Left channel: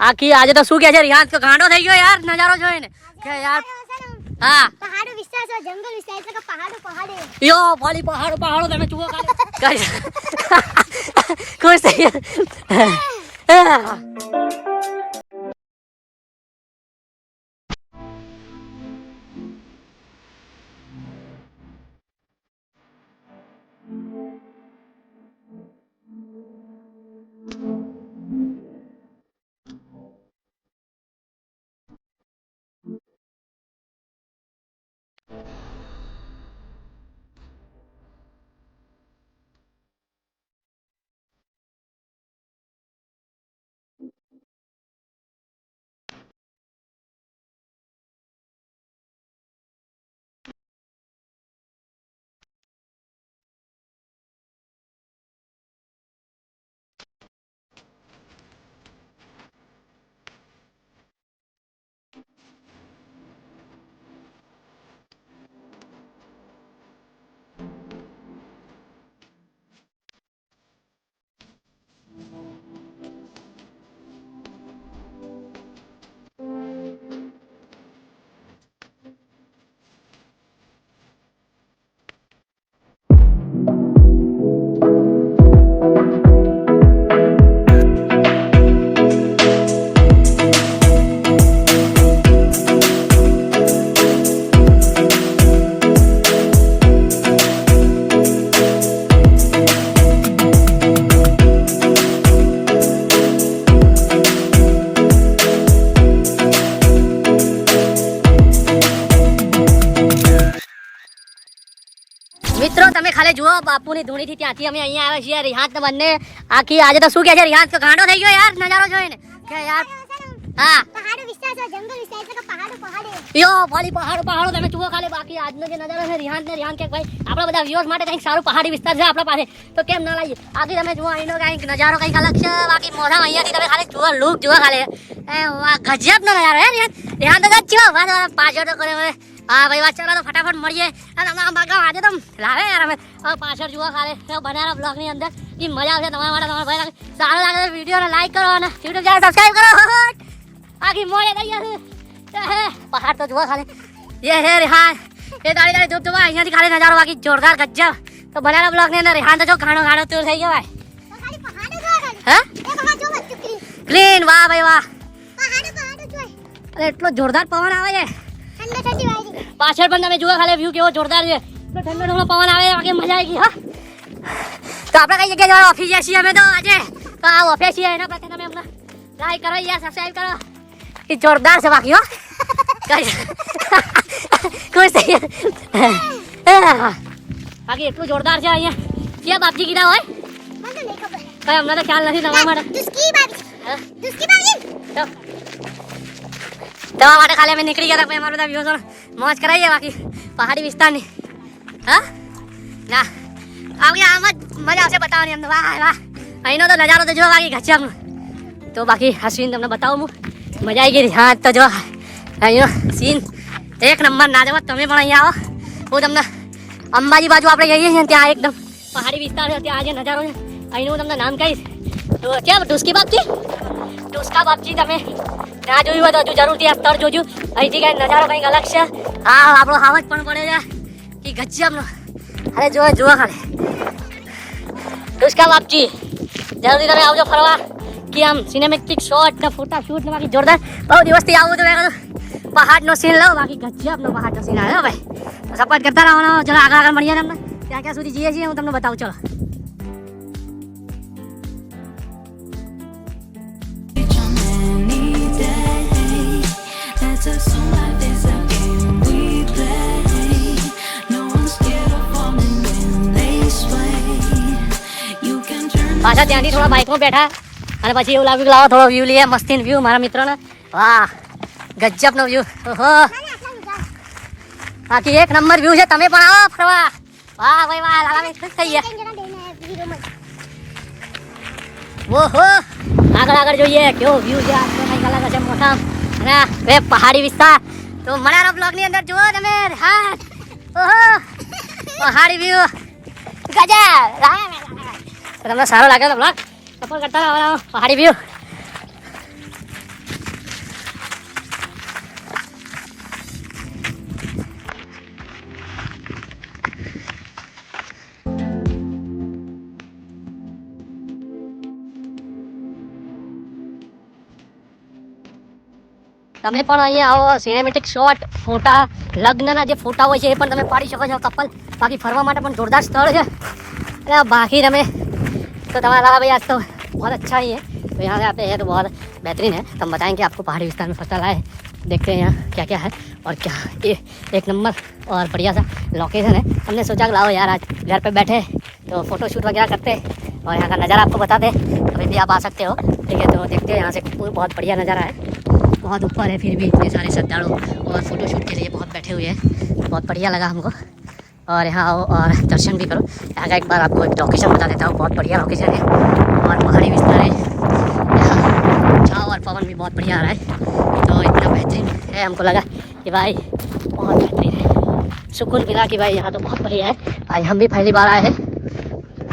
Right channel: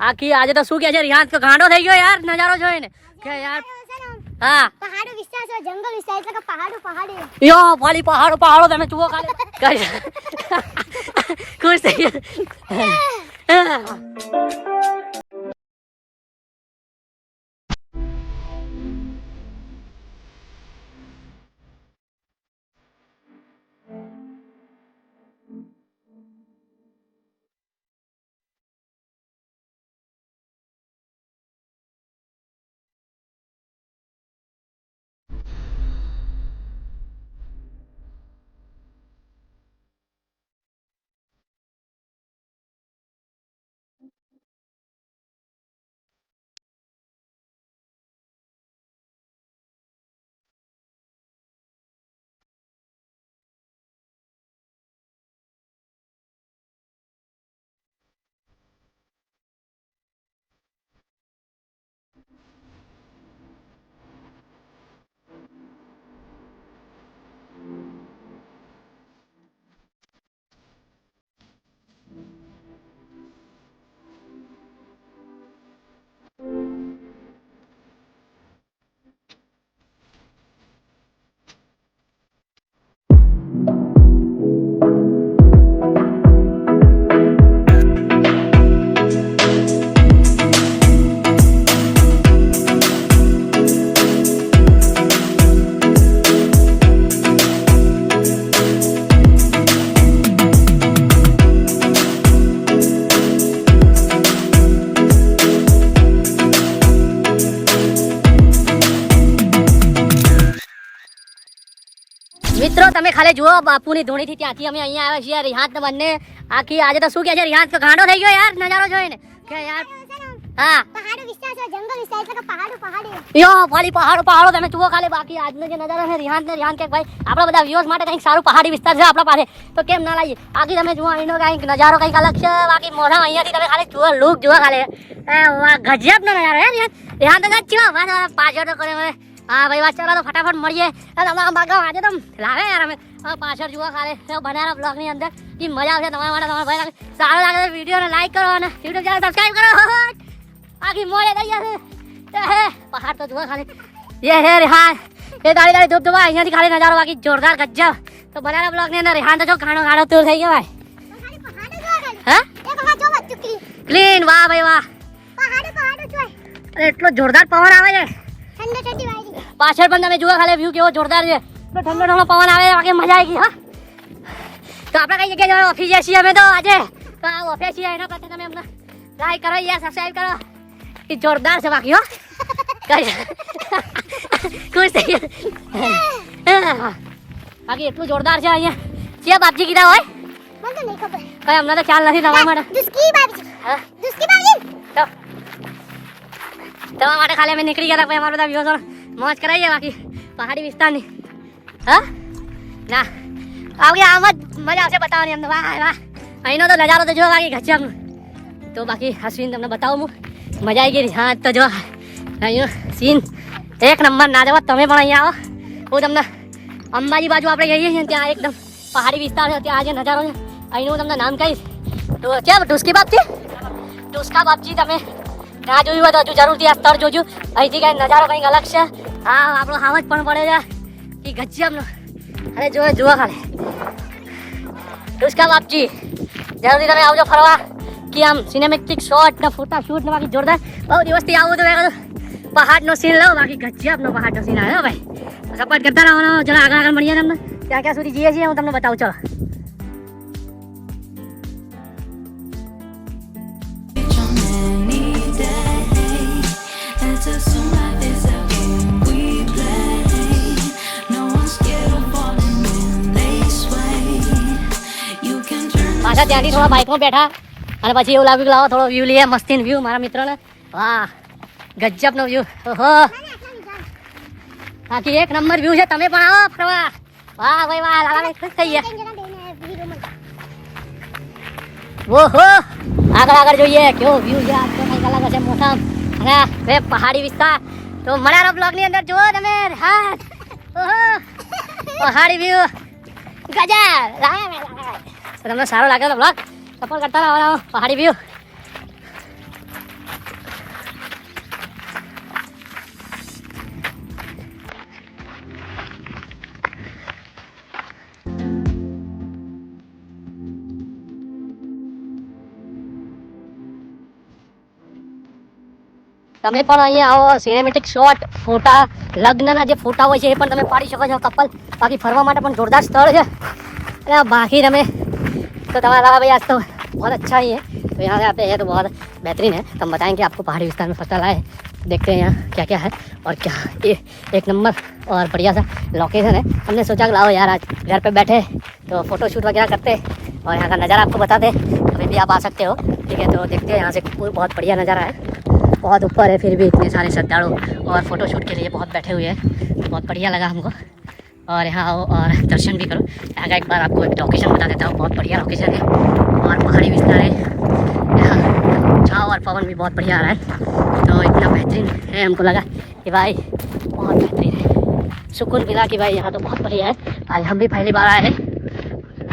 આખી આજે તો શું કે છે રિયાઝ તો ગાંડો થઈ ગયો યાર નજારો જોઈને કે યાર હા પહાડો વિસ્તાર છે જંગલ વિસ્તાર એટલે કે પહાડો યો ખાલી પહાડો તમે જુઓ ખાલી ખુશ થઈ ગયા મિત્રો તમે ખાલી જુઓ બાપુની ધૂણીથી ત્યાંથી અમે અહીંયા આવ્યા છીએ રિહાત બંને આખી આજે તો શું કે છે રિહાત તો ગાંડો થઈ ગયો યાર નજારો જોઈને કે યાર હા પહાડો વિસ્તાર છે જંગલ વિસ્તાર એટલે કે પહાડો યો ખાલી પહાડો તમે જુઓ ખાલી બાકી આજનો જે નજારો છે રિહાન કે ભાઈ આપણા બધા વ્યુઅર્સ માટે કંઈક સારું પહાડી વિસ્તાર છે આપણા પાસે તો કેમ ના લાગીએ આખી તમે જુઓ એનો કંઈક નજારો કંઈક અલગ છે બાકી મોઢા અહીંયાથી તમે ખાલી જુઓ લુક જુઓ ખાલી ગજબનો નજારો હે રિહાન તો જ પાછળ તો કરે હવે હા ભાઈ વાત ચાલો તો ફટાફટ મળીએ તમારા બાગાવ આજે તો લાવે યાર અમે પાછળ જુઓ ખાલી બનારા બ્લોગની અંદર એ મજા આવશે તમારા માટે તમારા ભાઈ સારો લાગે તો વિડીયોને લાઈક કરો અને યુટ્યુબ ચેનલ સબસ્ક્રાઈબ કરો આખી મોડે થઈ જશે પહાડ તો જુઓ ખાલી એ હે રિહાન એ દાડી ધૂપ ધુવા અહીંયાથી ખાલી નજારો બાકી જોરદાર ગજબ તો બનારા બ્લોગની અંદર રિહાન તો જો ગાણો તું થઈ ગયો હે ક્લીન વાહ ભાઈ વાહ અરે એટલો જોરદાર પવન આવે છે પાછળ પણ તમે જુઓ ખાલી વ્યૂ કેવો જોરદાર છે એટલો ઠંડો પવન આવે બાકી મજા આવી ગઈ હા તો આપણે કઈ જગ્યાએ ઓફિસ છીએ અમે તો આજે તો આ ઓફિસ છીએ એના પ્રત્યે તમે અમને લાઈક કરો યાર સબસ્ક્રાઈબ કરો એ જોરદાર છે બાકી હો કઈ ખુશ થઈ ગયા બાકી એટલું જોરદાર છે અહીંયા ક્યાં બાપજી કીધા હોય કઈ અમને તો ખ્યાલ નથી તમારા માટે દવા માટે ખાલી અમે નીકળી ગયા હતા અમારા બધા વ્યૂઝો મોજ કરાવીએ બાકી પહાડી વિસ્તારની હા ના બાકી આમ જ મજા આવશે બતાવવાની અમને વાહ વાહ અહીંનો તો નજારો તો જો બાકી ગજબનો તો બાકી આ સીન તમને બતાવું હું મજા આવી ગઈ હા તો જો અહીંનો સીન એક નંબર ના જવા તમે પણ અહીંયા આવો હું તમને અંબાજી બાજુ આપણે જઈએ છીએ ત્યાં એકદમ પહાડી વિસ્તાર છે ત્યાં જે નજારો છે અહીંનું હું તમને નામ કહીશ તો ક્યાં ઢુસકા બાપજી તમે ના જોયું હોય તો હજુ જરૂરથી આ સ્થળ જોજો અહીંથી કંઈ નજારો કંઈક અલગ છે હા આપણો હાવજ પણ પડે છે કે ગજબનો અરે જુઓ ખાલી ઢુસકા બાપજી જરૂરથી તમે આવજો ફરવા કે આમ સિનેમેટિક શોટ ને ફોટા શૂટ ને બાકી જોરદાર બહુ દિવસથી આવું તો મેં પહાડનો સીન લો બાકી ગજબનો પહાડનો સીન આવ્યો ભાઈ સપોર્ટ કરતા રહેવાનો ચલો આગળ મળીએ તમને ત્યાં ક્યાં સુધી જઈએ છીએ હું તમને બતાવું ચલો પાછા ત્યાંથી થોડા બાઇકમાં બેઠા અને પછી એવું લાગ્યું કે લાવો થોડો વ્યૂ લઈએ મસ્તીન વ્યૂ મારા મિત્રોને વાહ ગજબનો વ્યૂ ઓહો બાકી એક નંબર વ્યૂ છે તમે પણ આવો ફરવા વાહ ભાઈ વાહ લાલા ખુશ થઈ ગયા ઓહો આગળ જોઈએ કેવો વ્યૂ છે આજ તો કંઈક અલગ હશે મોટા અને બે પહાડી વિસ્તાર તો મળ્યા બ્લોગની અંદર જુઓ તમે હા ઓહો પહાડી વ્યૂ ગજબ તમને સારો લાગે તો બ્લોગ સપોર્ટ કરતા રહો પહાડી વ્યૂ તમે પણ અહીંયા આવો, સિનેમેટિક શોટ, ફોટા, લગ્નના જે ફોટા હોય છે એ પણ તમે પાડી શકો છો કપલ. બાકી ફરવા માટે પણ જોરદાર સ્થળ છે. અને बाकी તમે तो तुम्हारा भाई आज तो बहुत अच्छा ही है. तो यहाँ से आते हैं तो बहुत बेहतरीन है. तो हम बताएंगे आपको पहाड़ी विस्तार में फर्स्ट आए. देखते हैं यहाँ क्या क्या है और क्या ये एक नंबर और बढ़िया सा लोकेशन है. हमने सोचा कि लाओ यार आज घर पे बैठे तो फोटो शूट वगैरह करते और यहाँ का नज़ारा आपको बताते. अभी भी आप आ सकते हो, ठीक है. तो देखते हैं यहाँ से बहुत बढ़िया नज़ारा है. बहुत ऊपर है, फिर भी इतने सारे श्रद्धालु और फोटो शूट के लिए बहुत बैठे हुए हैं. बहुत बढ़िया लगा हमको. और यहाँ आओ और दर्शन भी करो. यहाँ का एक बार आपको एक लोकेशन बता देता हूँ. बहुत बढ़िया लोकेशन है और पहाड़ी विस्तार है. यहाँ छाव और पवन भी बहुत बढ़िया आ रहा है. तो इतना बेहतरीन है, हमको लगा कि भाई बहुत बेहतरीन है. सुकून मिला कि भाई यहाँ तो बहुत बढ़िया है. आज हम भी पहली बार आए हैं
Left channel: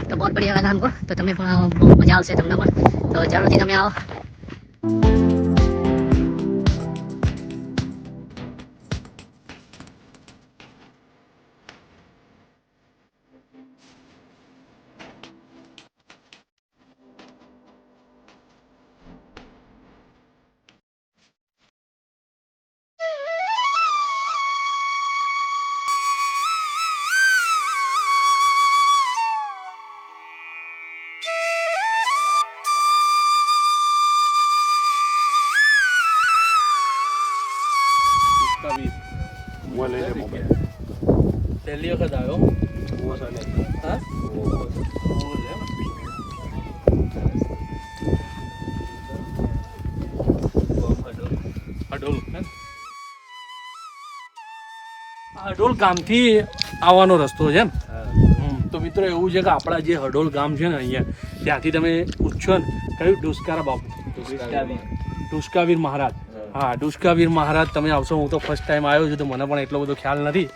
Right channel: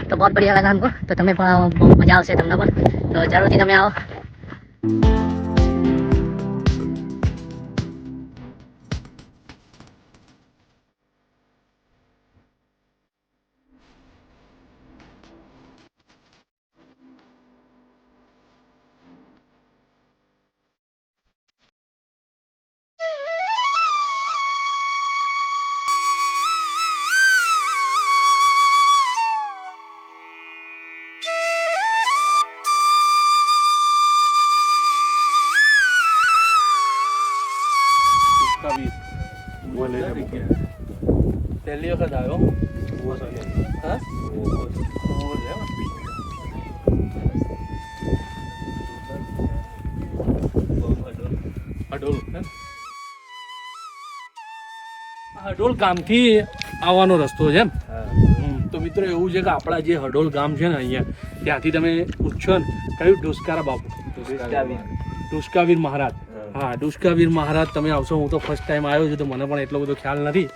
तो बहुत बढ़िया लगा हमको. तो तुम्हें बहुत मजा આવશે તમને પણ. તો જરૂરથી તમે આવો. પહેલી વખત આવ્યો. હા હડોલ ગામથી આવવાનો રસ્તો છે એમ. તો મિત્રો એવું છે કે આપણા જે હડોલ ગામ છે ને અહીંયા, ત્યાંથી તમે પૂછશો ને કયું ડુસ્કારા બાપુ, ડુસ્કાવીર મહારાજ. હા, ડુસ્કાવીર મહારાજ તમે આવશો. હું તો ફર્સ્ટ ટાઈમ આવ્યો છું તો મને પણ એટલો બધો ખ્યાલ નથી.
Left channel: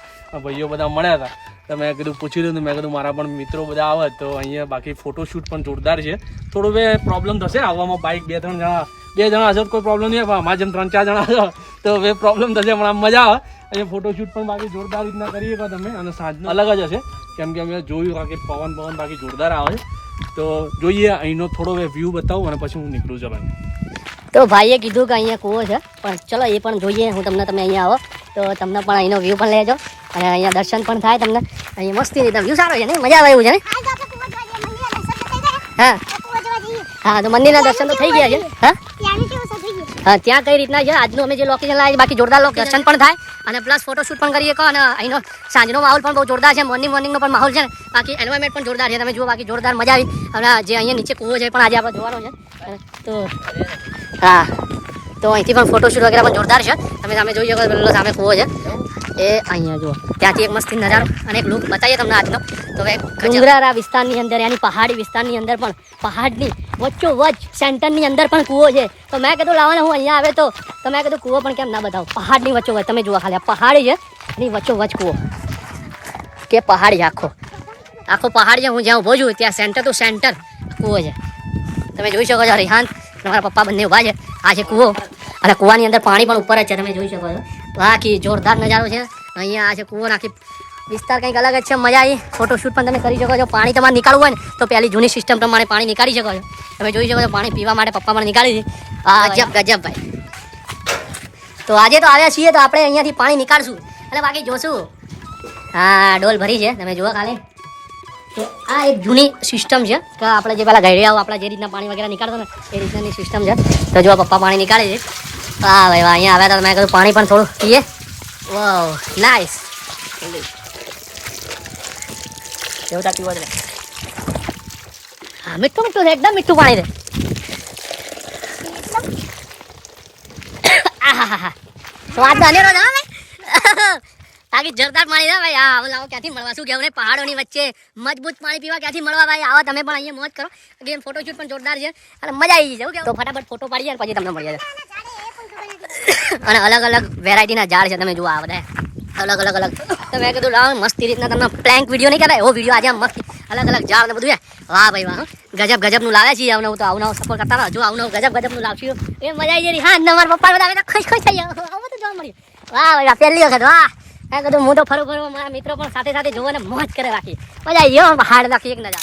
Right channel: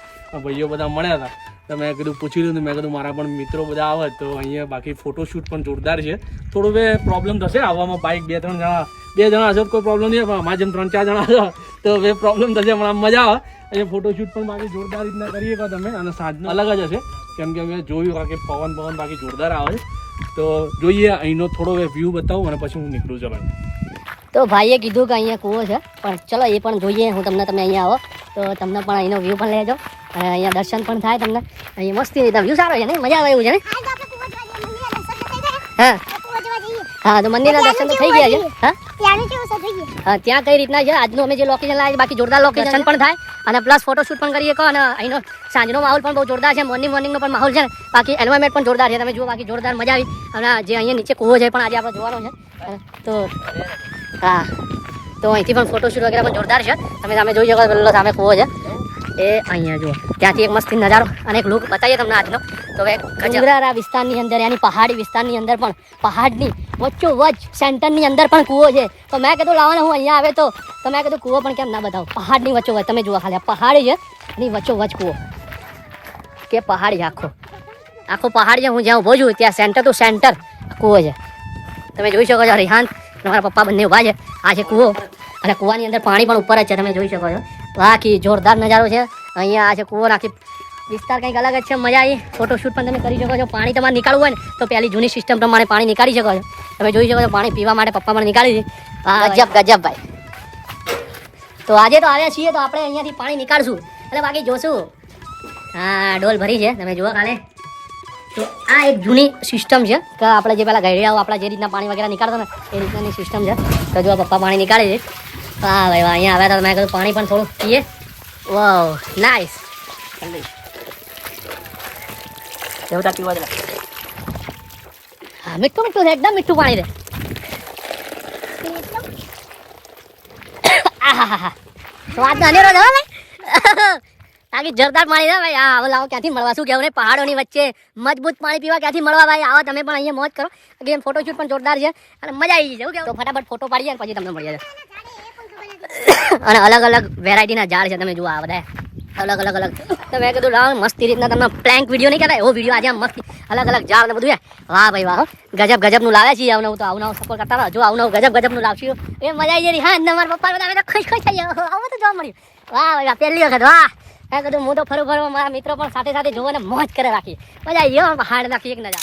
ભાઈઓ બધા મળ્યા હતા તો મેં કીધું પૂછી લીધું. મેં કીધું મારા પણ મિત્રો બધા આવે તો અહીંયા. બાકી ફોટોશૂટ પણ જોરદાર છે. થોડું બે પ્રોબ્લેમ થશે આવવામાં. બાઇક બે જણા હશે તો કોઈ પ્રોબ્લેમ નહીં. પણ અમારા જેમ 3-4 જણા હશે તો બે પ્રોબ્લેમ થશે. પણ આમ મજા આવે. અહીંયા ફોટોશૂટ પણ બાકી જોરદાર રીતના કરીએ કહો તમે. અને સાંજનો અલગ જ હશે કેમ કે અમે જોયું કે પવન બાકી જોરદાર આવે છે. તો જોઈએ અહીંનો થોડો વ્યૂ બતાવું અને પછી હું નીકળું જવાનું. તો ભાઈએ કીધું કે અહીંયા કૂવો છે, પણ ચલો એ પણ જોઈએ. હું તમે અહીંયા આવો તો તમને પણ અહીંનો વ્યૂ પણ લેજો અને અહીંયા દર્શન પણ થાય તમને. અહીંયા મસ્તી રીતે વ્યૂ સારો છે ને, મજા આવે એવું છે ને. હા હા, તો મંદિરના દર્શન તો થઈ ગયા છે. હા, ત્યાં કઈ રીતના છે આજનું અમે જે લોકેશન લાવ્યા છે. બાકી જોરદાર લોકેશન પણ થાય અને પ્લસ ફોટોશૂટ પણ કરીએ કહો. અને અહીંનો સાંજનો માહોલ પણ બહુ જોરદાર છે. મોર્નિંગનો પણ માહોલ છે ને. બાકી એન્વાયરમેન્ટ પણ જોરદાર છે. તમે જુઓ, બાકી જોરદાર મજા આવી. અને જે અહીંયા નીચે કૂવો છે પણ આજે આપણે જોવાનો છે. તો હા, તો અહીંથી પણ ફોટોશૂટ વગેરે પણ જોરદાર છે. તમે સામે જોઈ શકો પેલો સામે કૂવો છે એ અહીંયા જુઓ. ત્યાંથી એક મસ્તી નજારો અને એક લુક બતાવીએ તમને આજનો. તો હવે ડુંગરારા વિસ્તારની અંદર યાની પહાડી વિસ્તારની અંદર પણ પહાડની વચ્ચોવચ સેન્ટરની અંદર પણ કૂવો છે. તો મેં કીધું લાવવાને હું અહીંયા આવે તો મેં કીધું કૂવો પણ કેમ ના બતાવું. પહાડની વચ્ચોવચ તમે જુઓ, ખાલી પહાડી છે એની વચ્ચોવચ કૂવો કે પહાડી આખો પહાડ છે. હું જ્યાં ઊભો છું ત્યાં સેન્ટર ટુ સેન્ટર કૂવો છે. તમે જોઈ શકો છો. રિહાન મારા પપ્પા બંને ઊભા છે. આ છે કૂવો અને કૂવાની અંદર પાણી પણ ઉપર જ છે. તમે જોઈ શકો છો. બાકી જોરદાર નજારો છે અહીંયા. આ છે કૂવો. નાખી વિસ્તાર કંઈક અલગ જ છે. મજા આવી. ફોટોશૂટ પણ તમે કરી શકો છો. પાણી તમારે નીકાળવું હોય ને તો પહેલી જૂની સિસ્ટમ પ્રમાણે પાણી નીકાળી શકો છો. તમે જોઈ શકો છો. પાણી પીવા માટે પપ્પા પણ નીકાળી છે. હા, ગજબ ભાઈ. તો આજે તો આવ્યા છીએ તો આપણે અહીંયાથી પાણી નીકાળશું અને બાકી જોશું. હા, ડોલ ભરી છે તમે જુઓ ખાલી. તો આ એક જૂની સિસ્ટમ છે કે આપણે જે પેલા ઘડિયાઓ આપણા જે રીતના પાણી વગેરે નીકાળતો ને એ રીતનાની સિસ્ટમ છે. તો જો પપ્પા પાણી નીકાળે છે. હા ભાઈ, અહીંયા આવ્યા હતા મેં કીધું પાણી પણ થોડું પીએ. વાવ, નાઇસ. હા, મીઠું મીઠું છે, એકદમ મીઠું પાણી છે. આહાહા, સ્વાદ તો અનેરો છે ભાઈ. બાકી જોરદાર પાણી છે ભાઈ. હા, લાવો ક્યાંથી મળવા, શું કહેવું ને. પહાડોની વચ્ચે મજબૂત પાણી પીવા ક્યાંથી મળવા ભાઈ. આવો તમે પણ અહીંયા મોજ કરો. ગેમ ફોટોશૂટ પણ જોરદાર છે અને મજા આવી છે. તો ફટાફટ ફોટો પાડીએ પછી તમને મળીએ. અને અલગ અલગ વેરાયટીના ઝાડ છે. તમે જુઓ આ બધા અલગ. તો મેં કીધું લાવ મસ્તી રીતના તમને પ્લેન્ક વિડીયો નહીં કહેવાય એવો વિડીયો આજે મસ્ત અલગ ઝાડ ને બધું છે. વાહ ભાઈ વાહ, ગજબનું લાવ્યા છીએ. આવનું તો આવનું સપોર્ટ કરતા રહો. જો આવનું ગજબનું લાવશું એ મજા આવી જઈ. હા, તમારા પપ્પા બધા તો ખુશ થઈ ગયા. આવું તો જોવા મળ્યું. વાહ ભાઈ, પહેલી વખત. વાહ, મેં કીધું હું તો ફરું મારા મિત્રો પણ સાથે જોવો ને મોજ કરે. બાકી મજા આવી ગયો. હાડ નાખી એક નજારો.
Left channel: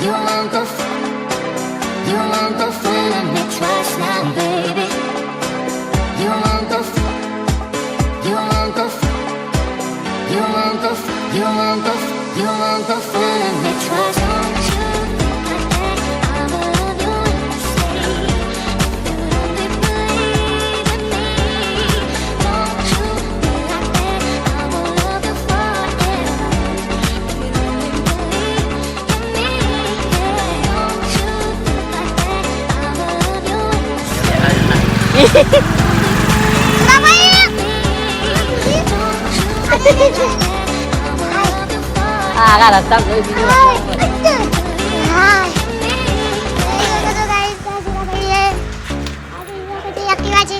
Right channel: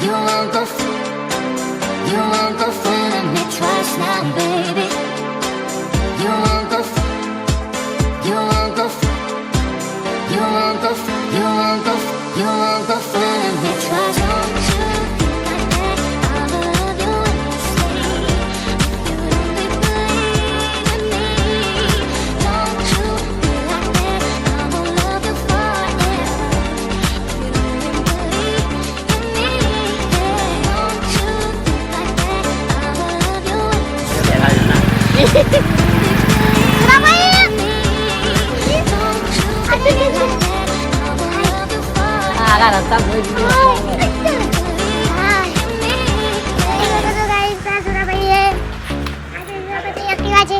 You won't go fooling me twice now, baby. You won't go fooling me twice. Don't you think like that? I will love you when you say if you only believe in me. Don't you be like that? I will love you forever if you only believe in me. Yeah. Don't you think like that? I will love you when you say if you only believe in me. Don't you be like that? I will love you forever. આ રસ્તા જોઈ બીજું હા એ લોકો તો guys આ સુરાભાઈ એ આજે એના પછી એક્ટિવા છે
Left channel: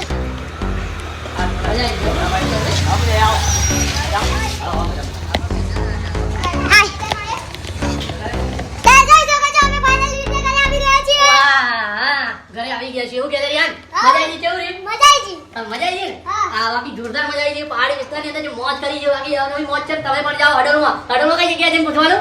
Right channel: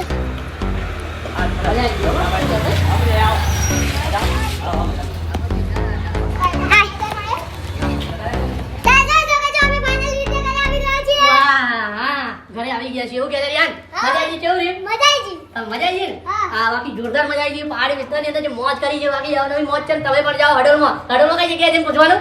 ઘરે આવી ગયા છે એવું કે યાર મજા આવી કેવું રે મજા આવી ગઈ મજા આવી ને હા. આ બાકી જોરદાર મજા આવી છે પહાડી વિસ્તારની અંદર જે મોજ કરી છે બાકી નવી મોજ છે ને તમે પણ જાઓ હડોલમાં કઈ જગ્યાએ છે પૂછવાનું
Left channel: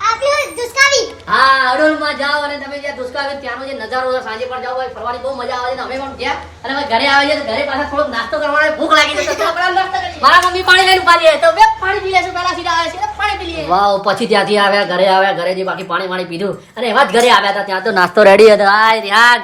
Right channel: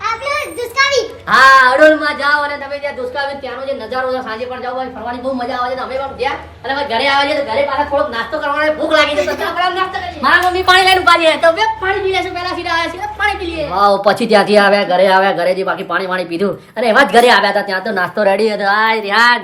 આપણી દુષ્કાવી હા હડોલમાં જાઓ અને તમે જ્યાં દુષ્કાળ ત્યાંનો જે નજારો છે સાંજે પણ જાઓ ભાઈ ફરવાની બહુ મજા આવે છે અમે પણ ગયા અને અમે ઘરે આવીએ તો ઘરે પાછા થોડોક નાસ્તો કરવાનો ભૂખ લાગી છે તો ચાલો પેલા નાસ્તો કરીએ મારા મમ્મી પાણી લઈને ઉભા છે તો બે પાણી પી લેશું પેલા સીધા આવ્યા છે પાણી પી લઈએ વાવ પછી ત્યાંથી આવ્યા ઘરેથી બાકી પાણી પીધું અને એવા જ ઘરે આવ્યા હતા ત્યાં તો નાસ્તો રેડી હતો આ રિહાન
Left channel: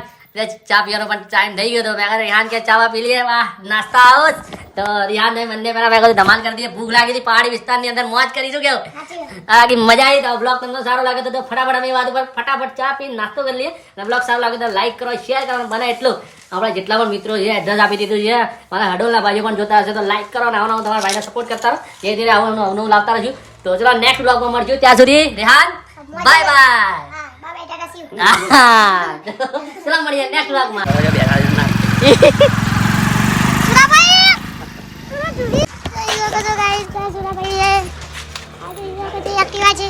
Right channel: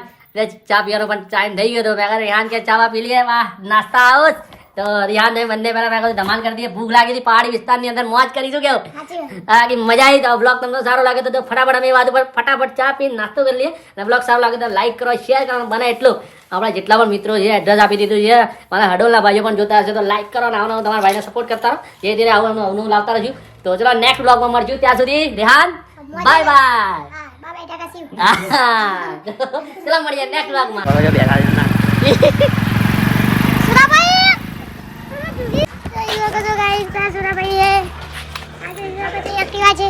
ચા પીવાનો પણ ટાઈમ થઈ ગયો હતો મેં કહ્યું રિહાન કે ચા પી લઈએ વાહ નાસ્તા આવો જ તો રિહાન ને બંને પહેલા મેં કહ્યું ધમાલ કરી દઈએ ભૂખ લાગી હતી પહાડી વિસ્તારની અંદર મોજ કરીશું કેવું સાચી વાત હા કે મજા આવી તો બ્લોગ તમને સારો લાગે તો ફટાફટ અમે વાત ઉપર ફટાફટ ચા પીને નાસ્તો કરી લઈએ અને બ્લોગ સારો લાગે તો લાઈક કરો શેર કરો બને એટલું આપણા જેટલા પણ મિત્રો છે એડ્રેસ આપી દીધું છે મારા હડોલના ભાઈઓ પણ જોતા હશે તો લાઈક કરો અને આવું તમારા ભાઈને સપોર્ટ કરતા રહો ધીરે ધીરે આવું લાવતા રહીશું તો ચલો નેક્સ્ટ બ્લોગમાં મળશું ત્યાં સુધી રેહાન બાય બાય હા બાબા ટાટા શિવ ચલો મળીએ નેક્સ્ટ બ્લોગમાં સુરાભાઈ તો એ લોકો તો ગાઈસ આ સુરાભાઈ એ આજે એના પછી એક્ટિવા છે